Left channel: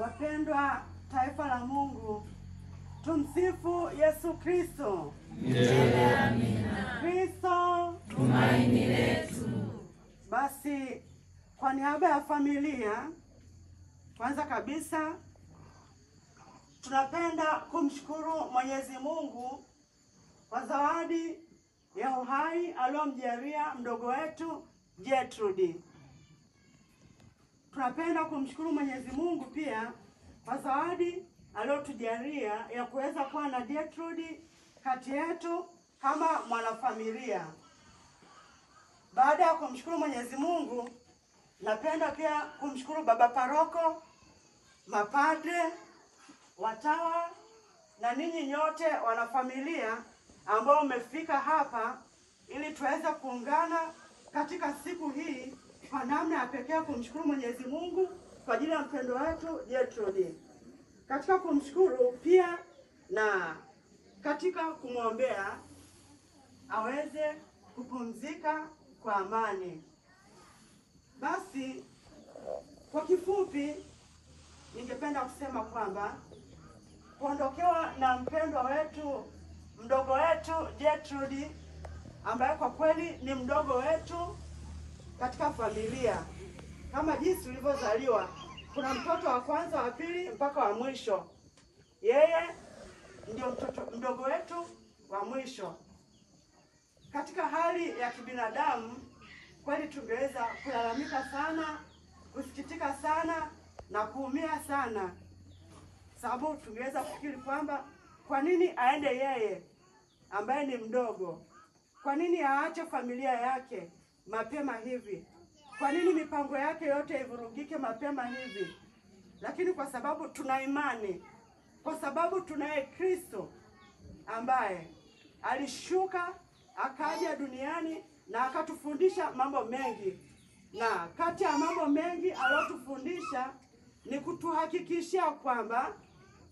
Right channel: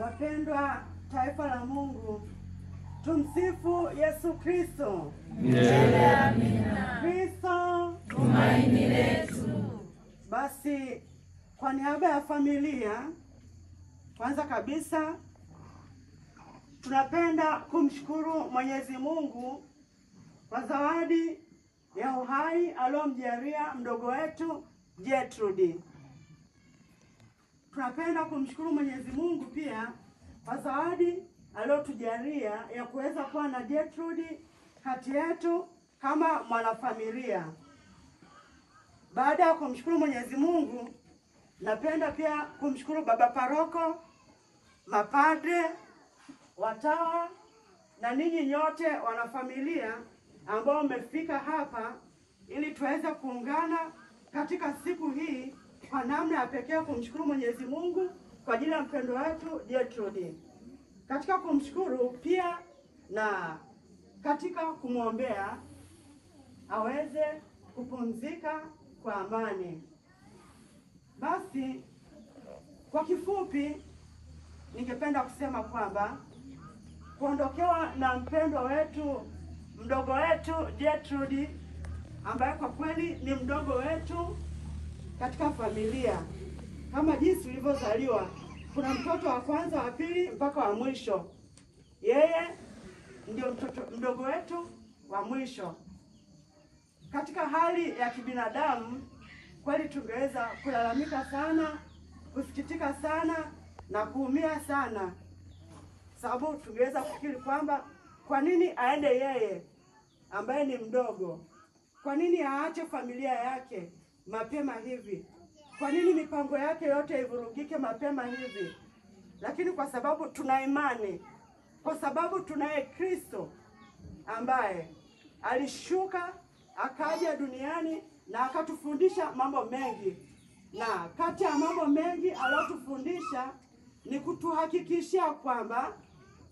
Wapendwa taifa la Mungu, tumsifu Yesu Kristo. Milele amina. Kristo tumaini letu. Basi kwa niaba ya familia, kwanza kabisa tunapenda kumshukuru Mwenyezi Mungu kwa zawadi ya uhai aliyomjalia mdogo wetu Gertrude. Tunapenda kumshukuru Mwenyezi Mungu pia kwa zawadi aliyotujalia ya kuweza kuwa na Gertrude kati yetu kama mwanafamilia. Baada ya kumshukuru Mwenyezi Mungu, napenda pia kumshukuru baba paroko, mapadre, watawa na ninyi nyote wanafamilia ambao mmefika hapa ili tuweze kuungana katika siku hii kwa namna ya pekee kumshukuru Mwenyezi Mungu kwa ajili ya mpendo wetu Gertrude. Katika kumshukuru pia na katika kumwombea aweze kupumzika kwa amani. Basi kwa kifupi ningependa kusema kwamba kuondokewa na mpendwa wetu, mdogo wetu Gertrude, ambaye kwa kweli ni mdogo wetu katika familia. Kama jinsi ulivyozaliwa, kuna mtoto wa kwanza, wa pili mpaka wa mwisho. Yeye ndio mtoto mdogo wetu wa mwisho. Katika hali ya kibinadamu, kweli tungeweza kulalamika sana, kusikitika sana na kuumia sana, sababu tungeweza kufikiri kwamba kwa nini aende yeye ambaye ni mdogo? Kwa nini aache familia yake mapema hivi? Kwa nini mipango yake yote ivurugike mapema hivi? Lakini kwa sababu tuna imani, kwa sababu tunaye Kristo ambaye alishuka akaja duniani na akatufundisha mambo mengi, na kati ya mambo mengi aliyotufundisha ni kutuhakikishia kwamba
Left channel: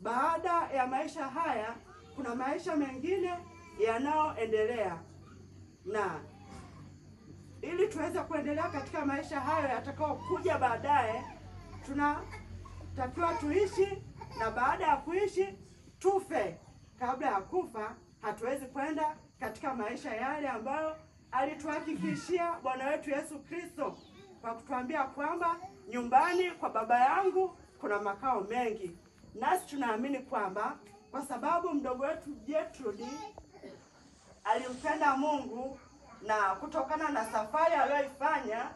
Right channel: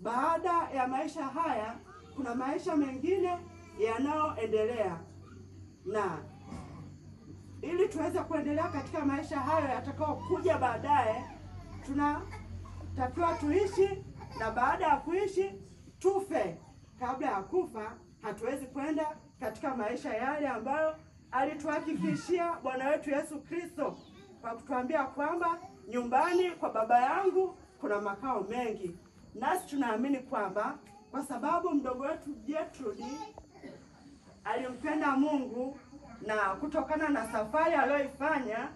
baada ya maisha haya kuna maisha mengine yanayoendelea, na ili tuweze kuendelea katika maisha hayo yatakao kuja baadaye, tunatakiwa tuishi, na baada ya kuishi tufe. Kabla ya kufa hatuwezi kwenda katika maisha yale ambayo alituhakikishia Bwana wetu Yesu Kristo kwa kutuambia kwamba nyumbani kwa Baba yangu kuna makao mengi. Nasi tunaamini kwamba kwa sababu mdogo wetu Gertrude alimpenda Mungu, na kutokana na safari aliyoifanya,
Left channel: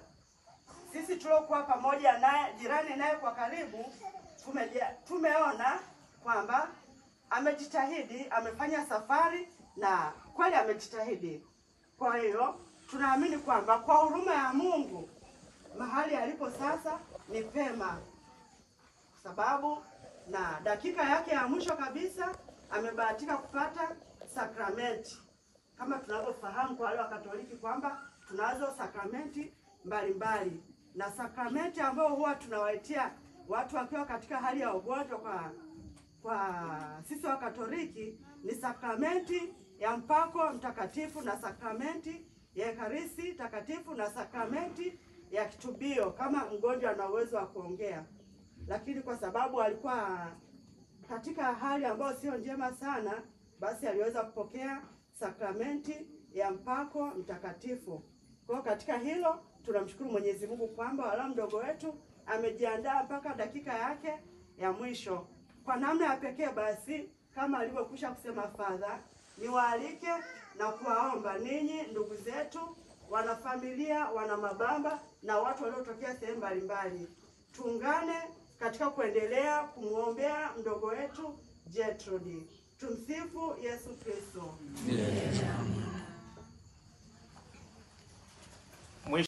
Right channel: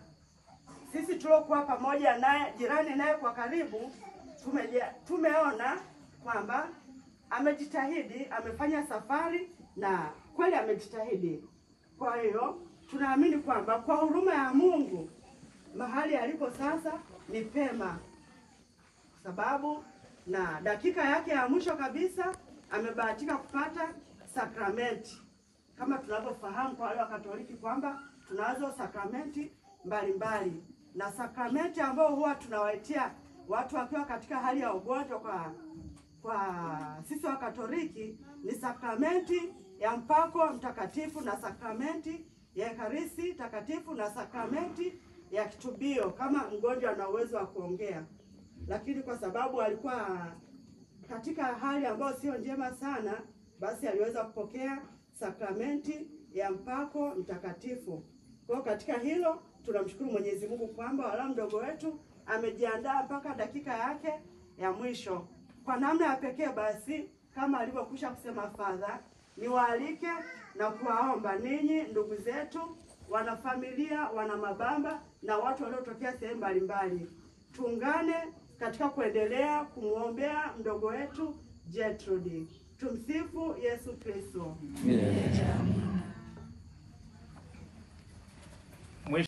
sisi tuliokuwa pamoja naye, jirani naye kwa karibu, tumeona kwamba amejitahidi, amefanya safari na kweli amejitahidi. Kwa hiyo tunaamini kwamba kwa huruma ya Mungu mahali alipo sasa ni pema, sababu na dakika yake ya mwisho kabisa amebahatika kupata sakramenti. Kama tunavyofahamu kwa wale wa Katoliki kwamba tunazo sakramenti mbalimbali, na sakramenti ambayo huwa tunawaitia watu wakiwa katika hali ya ugonjwa kwa sisi wa Katoliki ni sakramenti ya mpako mtakatifu, na sakramenti ya Ekaristi takatifu, na sakramenti ya kitubio kama mgonjwa ana uwezo wa kuongea. Lakini kwa sababu alikuwa katika hali ambayo sio njema sana, basi aliweza kupokea sakramenti ya mpako mtakatifu. Kwa hiyo katika hilo tunamshukuru Mwenyezi Mungu kwamba wala mdogo wetu amejiandaa mpaka dakika yake ya mwisho. Kwa namna ya pekee basi, kama alivyokwisha kusema Father, niwaalike na kuwaomba ninyi ndugu zetu, wanafamilia, wana mabamba na watu waliotokea sehemu mbalimbali, tuungane katika kuendelea kumwombea mdogo wetu Gertrude. Tumsifu Yesu Kristo.